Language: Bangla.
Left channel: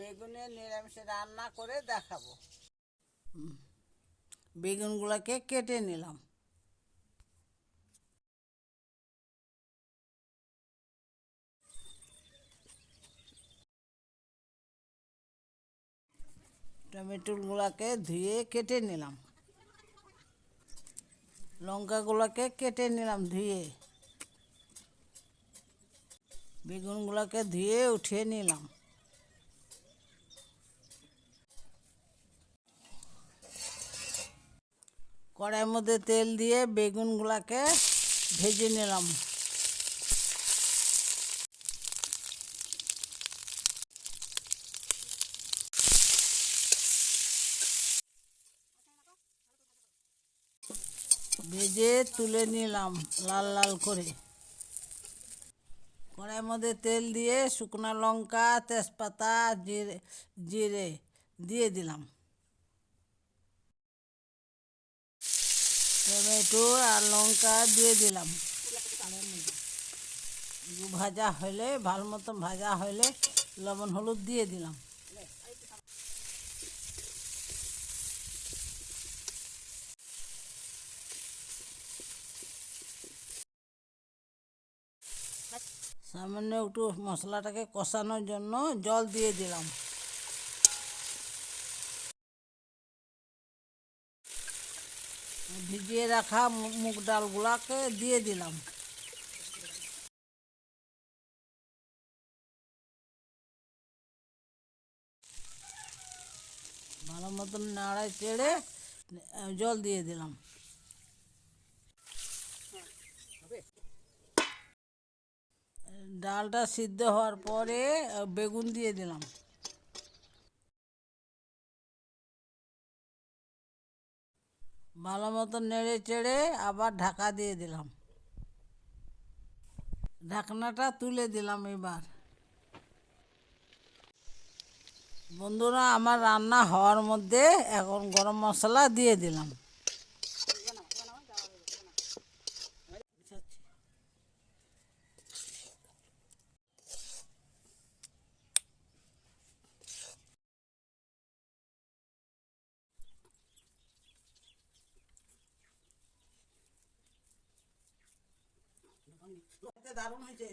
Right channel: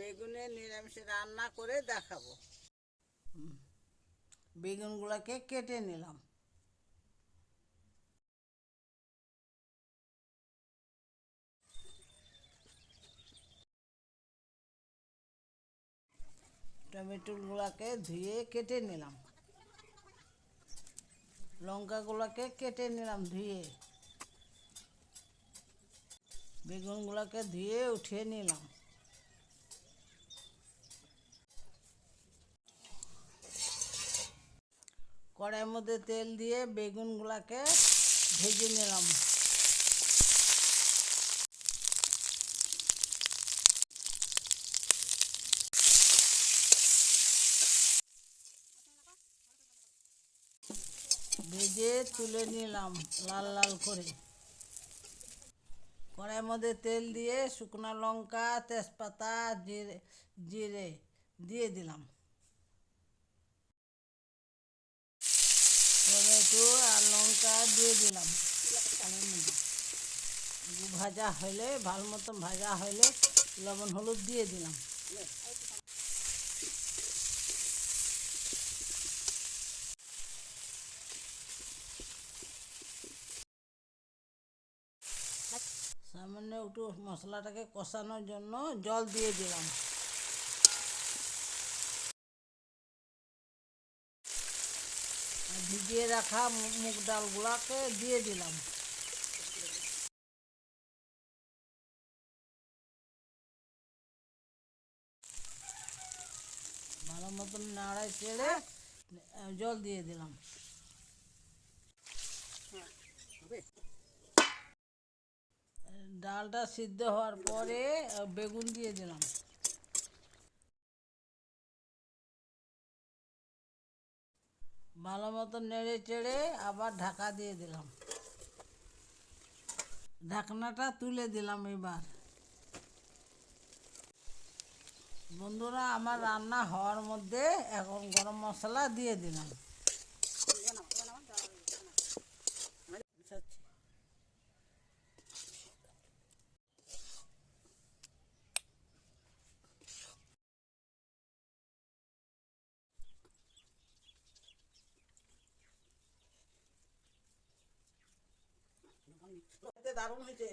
বেগুনের নিরামিষ রান্না করে দেখাবো। বেগুনগুলোকে কেটে নিলাম। টমেটোগুলোকে ধুয়ে কেটে নিলাম। লঙ্কাগুলোকে কেটে নিলাম ধুয়ে। বেগুনগুলোকে ধুয়ে উঠিয়ে নিলাম। কড়াইয়ের মধ্যে তেল দিয়ে বেগুনগুলোকে ভেজে নিলাম। ভেজে তুলে নিলাম লাল লাল করে। কড়াইয়ের মধ্যে তেল দিয়ে শুকনো লঙ্কা, তেজপাতা, জিরে দিয়ে দিলাম। টমেটো আর লঙ্কা দিয়ে দিলাম। ভাজা হলে ভালো মতন ভাজা হলে লবণ হলুদ দিয়ে দিলাম। সামান্য একটু মশলাটাকে কষানোর জন্য জল দিয়ে দিলাম। ভিজিয়ে রাখা মুগ ডালগুলোকে দিয়ে দিলাম। ভালো মতন নাড়ায় চেড়ে জল দিয়ে দিলাম। ডালটা সিদ্ধ হওয়ার পরে বেগুন দিয়ে দিলাম। ভালো মতন নেড়ে চেড়ে আবার ঢাকা দিয়ে দিলাম। ঢাকনাটা তুলে দিলাম। এবার বন্ধুরা, আমার রান্না হওয়ার মধ্যে এখন গরম মশলা দিয়ে দিলাম। দারুণ হয়েছে।